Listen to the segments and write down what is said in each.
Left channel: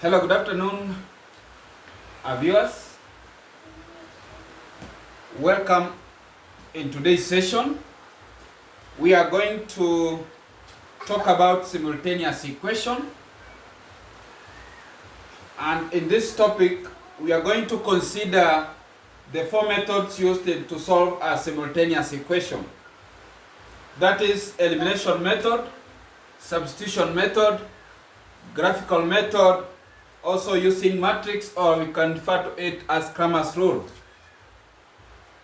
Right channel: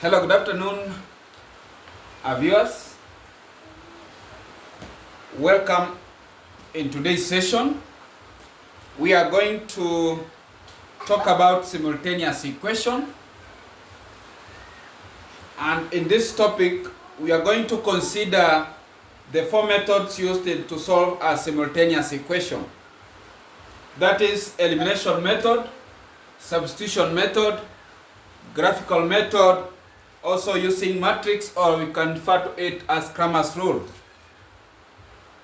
Hello, good afternoon, viewers. Welcome in today's session. We are going to talk about simultaneous equation. And in this topic, we are going to consider the four methods used to solve a simultaneous equation. That is elimination method, substitution method, graphical method, also using matrix, or we can refer to it as Cramer's rule.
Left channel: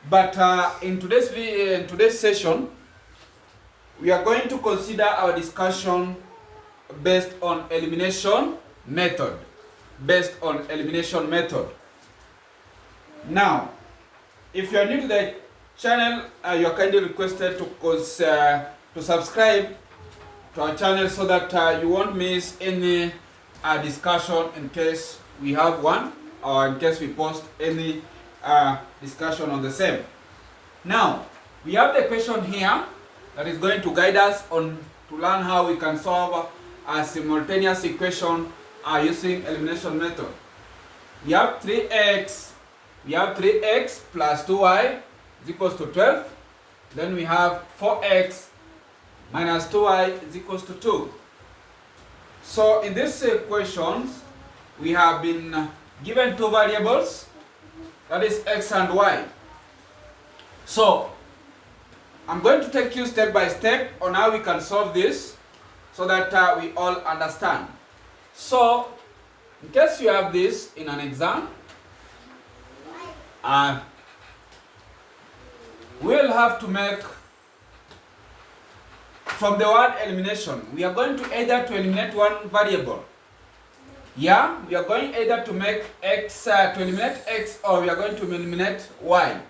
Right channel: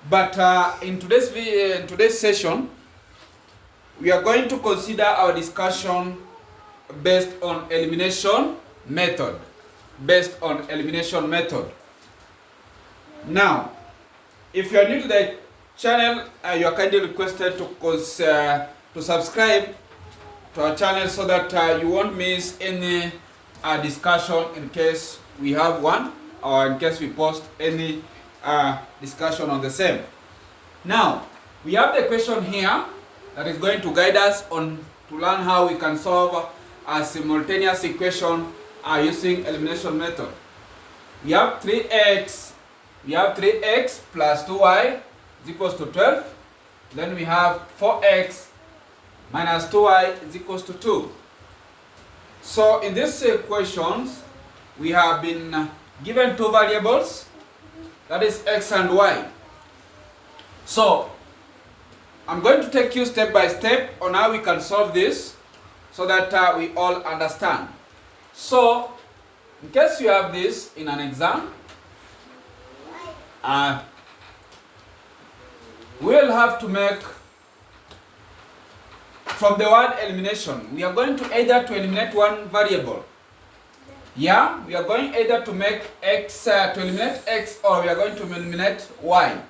But in today's session, we are going to consider our discussion based on elimination method. Now, if you are new to the channel, you are kindly requested to subscribe to our channel so that you won't miss any discussion in case we have one, or in case we post any discussion on the same. Now, we have the question here that is going to guide us on to learn how we can solve a simultaneous equation using elimination method. We have 3x plus 2y is equals to 12. Then we have 4x minus 2y is equals to 2. So in these equations, we have been given two variables, that is x and y. So I'm going to take you step by step on how we can solve this so that we all understand. So in case you have this in an exam, we'll have to make, from the word elimination, we are going to either to eliminate one variable. Yeah, we are going either to make x, to eliminate x, or we are going to eliminate y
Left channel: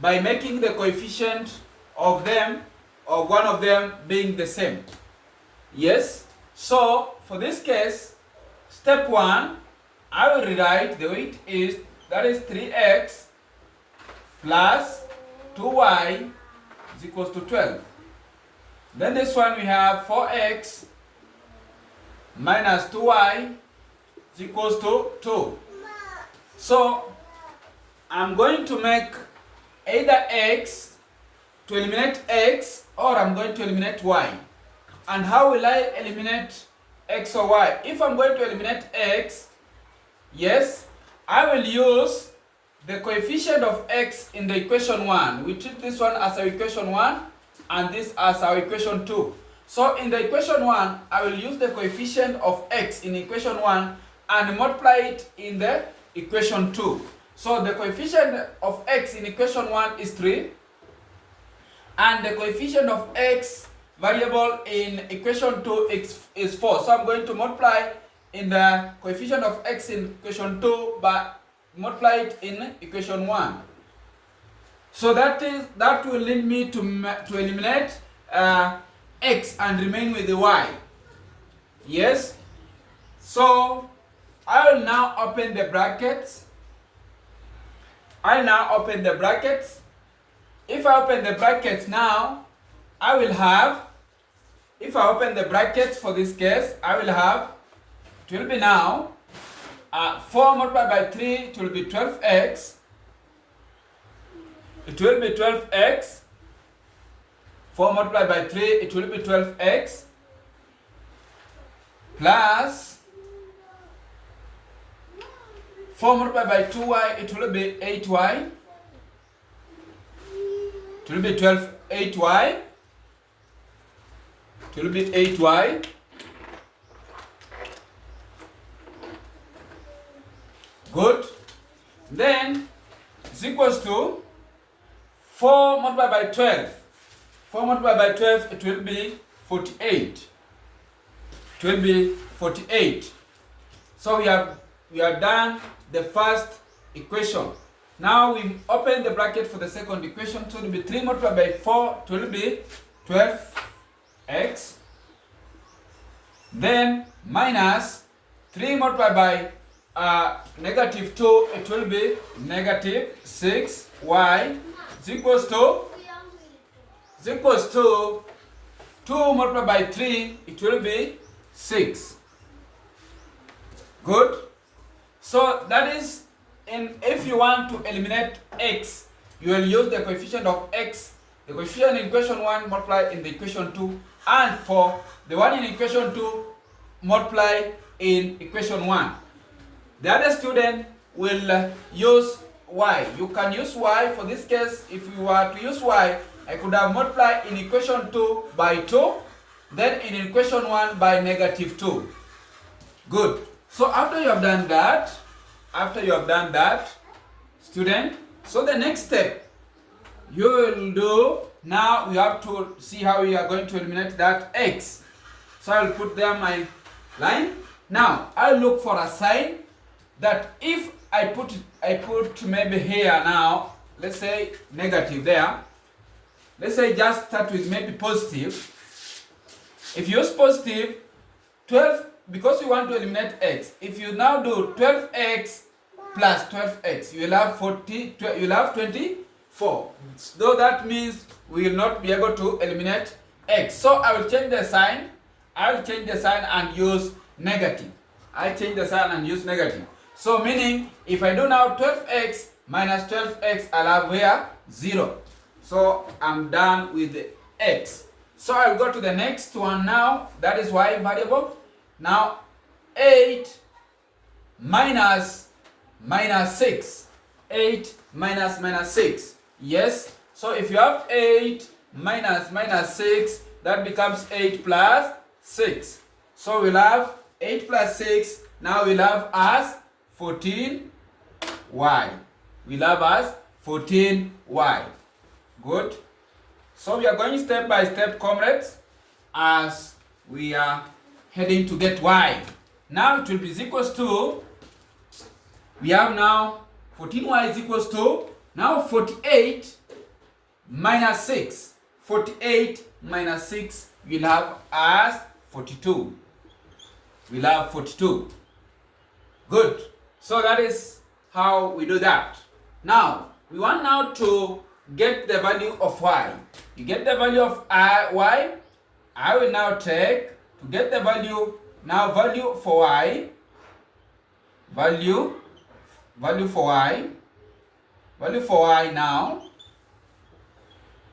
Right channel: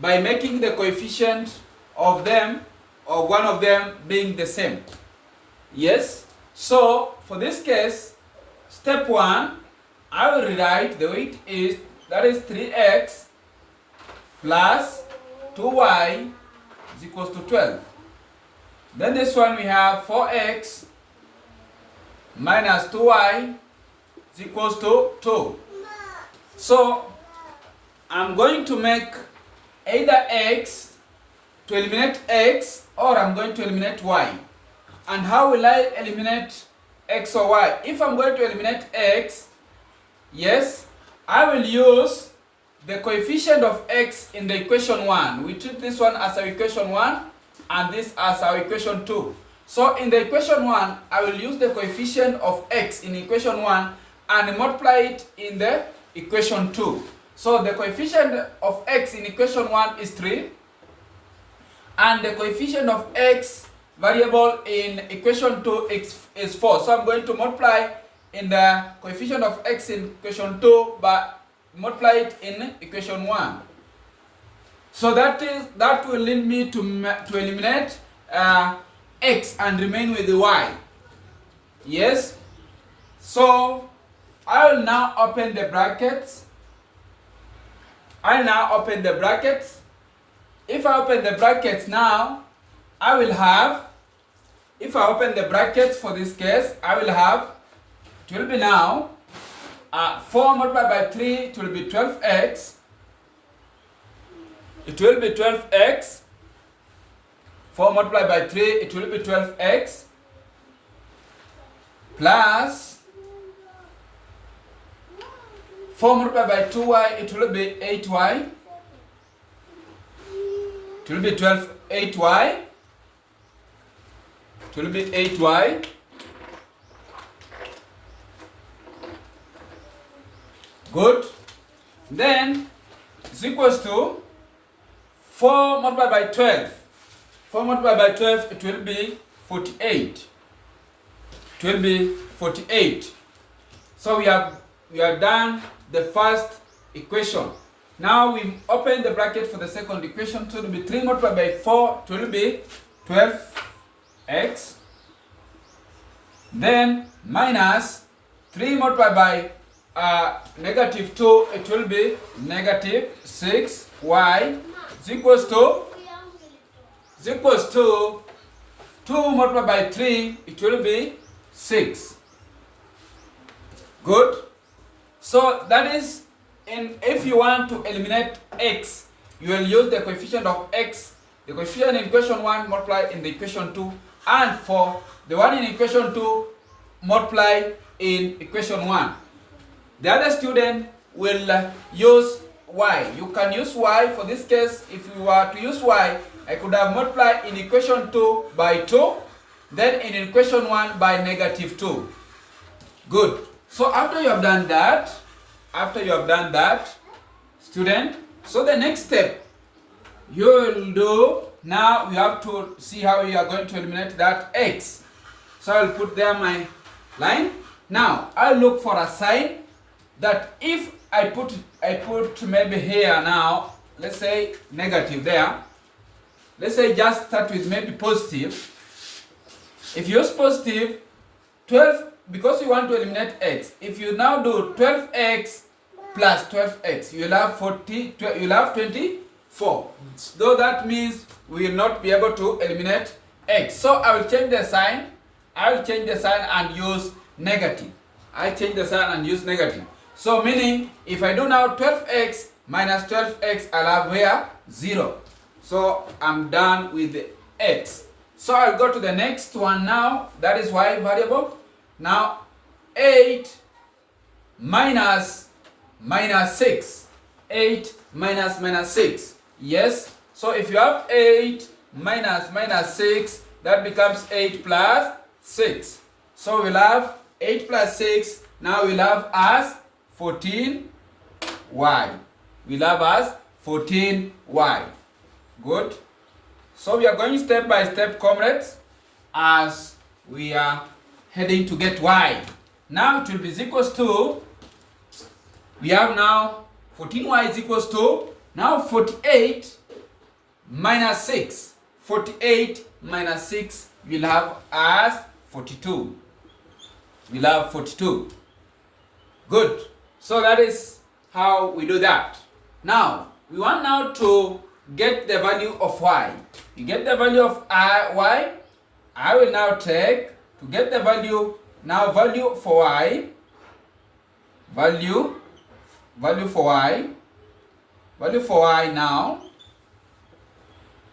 by making the coefficient of them, or one of them, being the same. Yes, so for this case, step 1, I will rewrite the way it is, that is 3x plus 2y is equals to 12. Then this one we have 4x minus 2y is equals to 2. So I'm going to make either x to eliminate x, or I'm going to eliminate y. And how will I eliminate x or y? If I'm going to eliminate x, yes, I will use the coefficient of x in the equation 1. We treat this one as our equation 1 and this as our equation 2. So in the equation 1, I will use the coefficient of x in equation 1 and multiply it in the equation 2. So the coefficient of x in equation 1 is 3, and the coefficient of x variable in equation 2 is 4. So I'm going to multiply in the coefficient of x in equation 2 but multiply it in equation 1. So that will lead me to eliminate x and remain with the y. Yes. So I will now open the brackets. If I open the brackets now, I will have, if I open the brackets for this case, I will have, it will be now 4 multiplied by 3, it will be 12x. It will be 12x. 4 multiplied by 3, it will be 12x. Plus 4 multiplied by 2y, it will be 8y. It will be 8y. It will be 8y. Good. Then is equals to 4 multiplied by 12. 4 multiplied by 12, it will be 48. It will be 48. So we are done the first equation. Now we open the bracket for the second equation. So it will be 3 multiplied by 4, it will be 12x. Then minus 3 multiplied by negative 2, it will be negative 6y is equals to 2 multiplied by 3, it will be 6. Good. So that is, if you want to eliminate x, you will use the coefficient of x, the coefficient in equation 1 multiply in the equation 2, and for the one in equation 2 multiply in equation 1. The other student will use y. You can use y. For this case, if you were to use y, I could have multiplied in equation 2 by 2, then in equation 1 by -2. Good. So after you have done that, student, so the next step you will do, now you have to see how you are going to eliminate that x. So I will put there my line. Now I'll look for a sign that if I put maybe here now, let's say negative there. Let's say just start with maybe positive. If you use positive, 12, because you want to eliminate x, if you now do 12x plus 12x, you will have 24. Though that means we will not be able to eliminate x. So I will change the sign. And use negative. I change the sign and use negative. So meaning, if I do now 12x minus 12x, I'll have where? 0. So I'm done with the x. So I'll go to the next one now. That is y variable. Now 8 minus 6. 8 minus 6. Yes. So if you have 8 minus 6, that becomes 8 plus 6. So we'll have 8 plus 6. Now we'll have as 14y. We'll have as 14y. Good. So we are going step by step, comrades, as we are heading to get y. Now it will be equals to, we have now 14y is equals to, now 48 minus 6. 48 minus 6 we'll have as 42. We'll have 42. Good. So that is how we do that. Now, we want now to get the value of y. You get the value of y. I will now take, to get the value, now value for y, value for y now,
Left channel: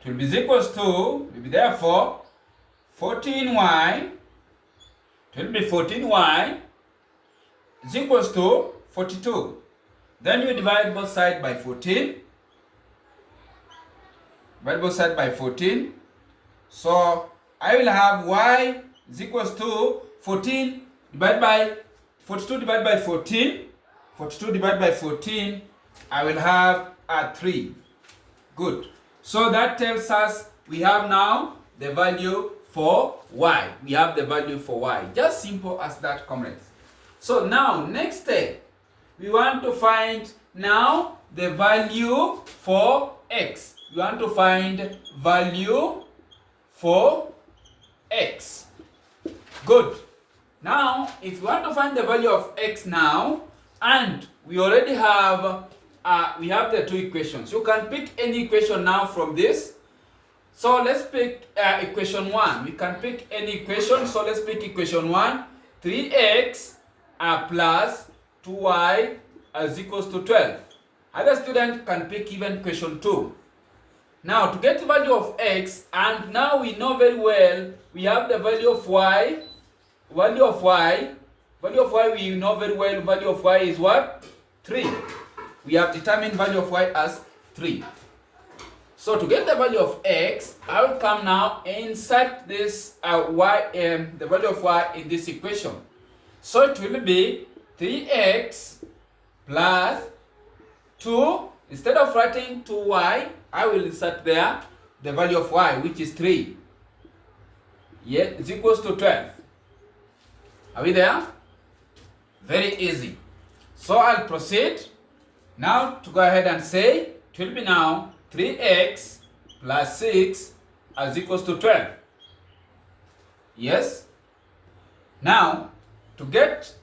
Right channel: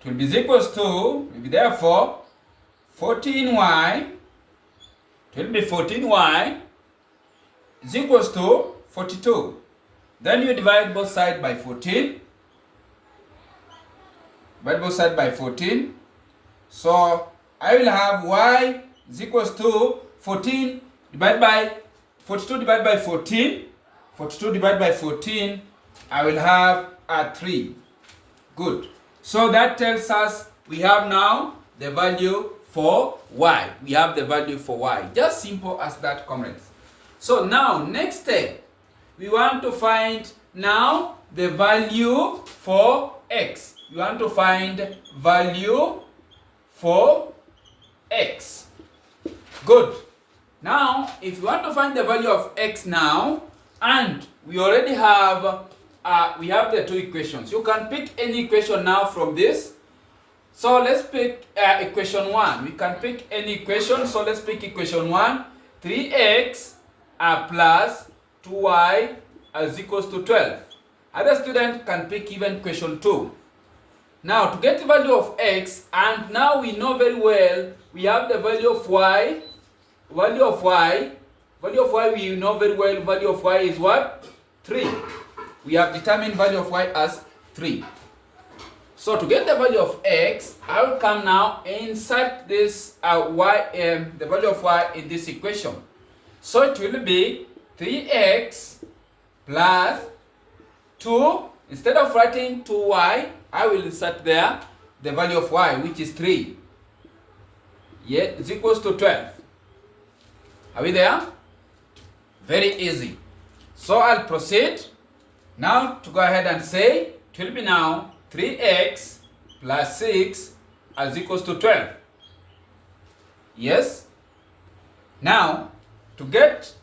it will be equals to, will be therefore 14y, it will be 14y is equals to 42. Then you divide both sides by 14. Divide both sides by 14. So I will have y is equals to 14 divided by 42 divided by 14. 42 divided by 14, I will have a 3. Good. So that tells us we have now the value for y. We have the value for y. Just simple as that, comrades. So now, next step, we want to find now the value for x. We want to find value for x. Good. Now, if you want to find the value of x now, and we already have, we have the two equations. You can pick any equation now from this. So let's pick equation 1. We can pick any equation. So let's pick equation 1. 3x plus 2y is equals to 12. Other student can pick even equation 2. Now to get the value of x, and now we know very well we have the value of y. Value of y we know very well, value of y is what? 3. We have determined value of y as 3. So to get the value of x, I will come now and insert this the value of y in this equation. So it will be 3x plus 2. Instead of writing 2y, I will insert there the value of y, which is 3. Yeah, is equals to 12. Are we there? Very easy. So I'll proceed now to go ahead and say it will be now 3x plus 6 is equals to 12. Yes. Now to get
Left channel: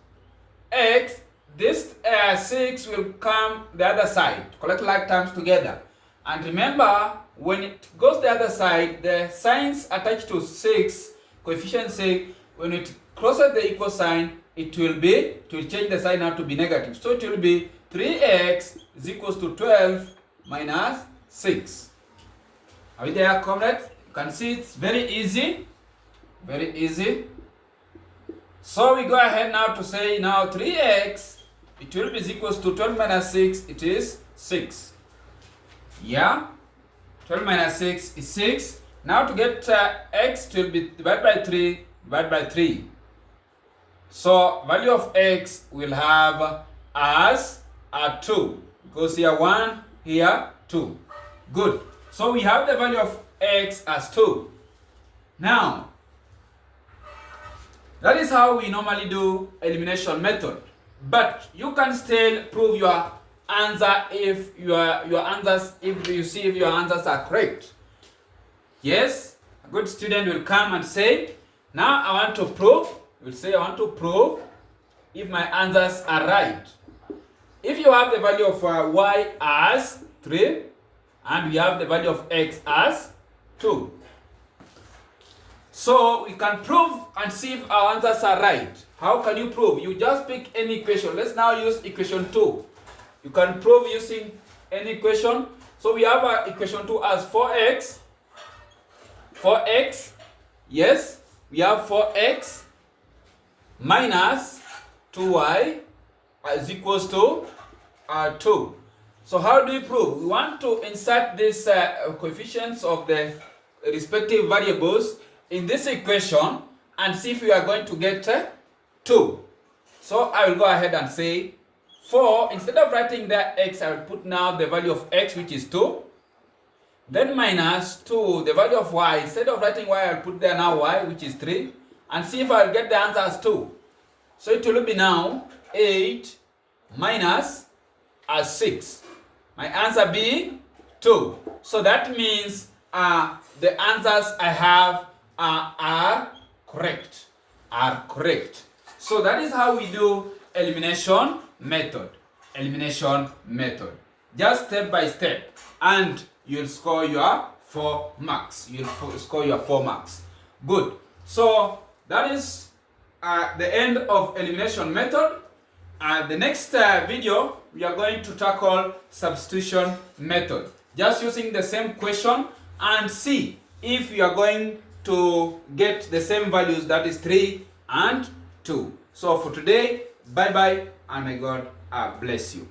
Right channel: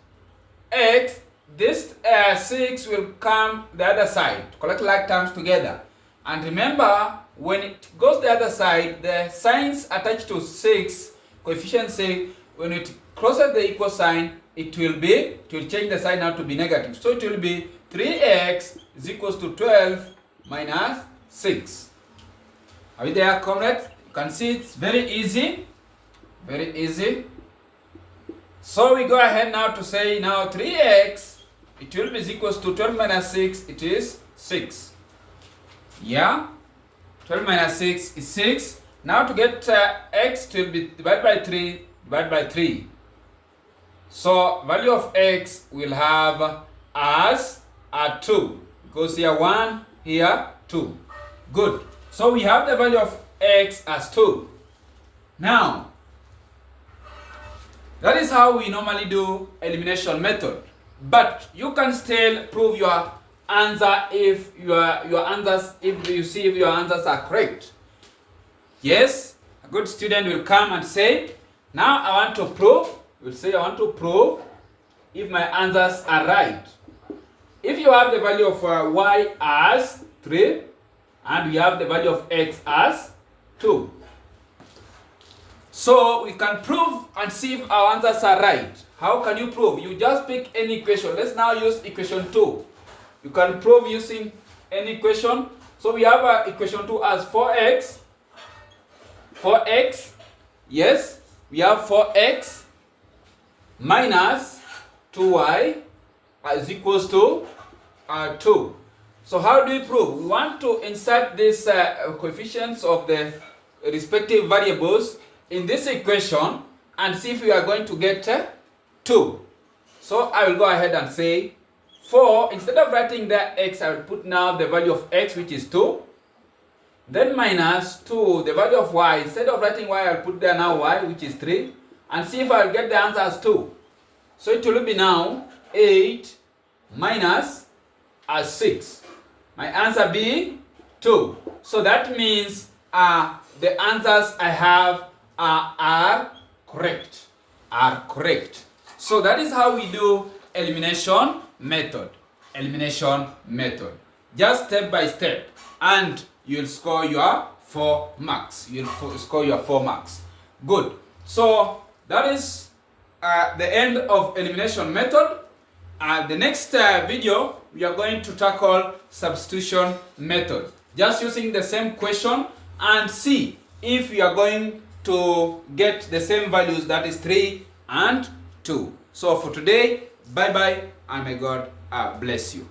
x, this 6 will come the other side, collect like terms together. And remember, when it goes the other side, the signs attached to 6, coefficient 6, when it crosses the equal sign, it will change the sign now to be negative. So it will be 3x is equals to 12 minus 6. Are we there, comrades? You can see it's very easy. Very easy. So we go ahead now to say now 3x, it will be equals to 12 minus 6, it is 6. Yeah? 12 minus 6 is 6. Now to get x, it will be divided by 3, divided by 3. So value of x will have as 2. Because here 1, here 2. Good. So we have the value of x as 2. Now, that is how we normally do elimination method. But you can still prove your answer if you see if your answers are correct. Yes, a good student will come and say, now I want to prove. Will say I want to prove if my answers are right. If you have the value of y as 3 and we have the value of x as 2. So we can prove and see if our answers are right. How can you prove? You just pick any equation. Let's now use equation 2. You can prove using any equation. So we have equation 2 as 4x. 4x. Yes, we have 4x minus 2y is equals to 2. So how do we prove? We want to insert these coefficients of the respective variables in this equation and see if we are going to get 2. So I will go ahead and say 4, instead of writing that x, I will put now the value of x, which is 2. Then minus 2, the value of y. Instead of writing y, I will put there now y, which is 3. And see if I will get the answer as 2. So it will be now 8 minus 6. My answer be 2. So that means the answers I have are correct. So that is how we do elimination method. Elimination method. Just step by step. And you'll score your 4 marks. Good. So that is the end of elimination method. The next video, we are going to tackle substitution method. Just using the same question and see if we are going to get the same values, that is 3 and 2. So for today, bye bye and may God bless you.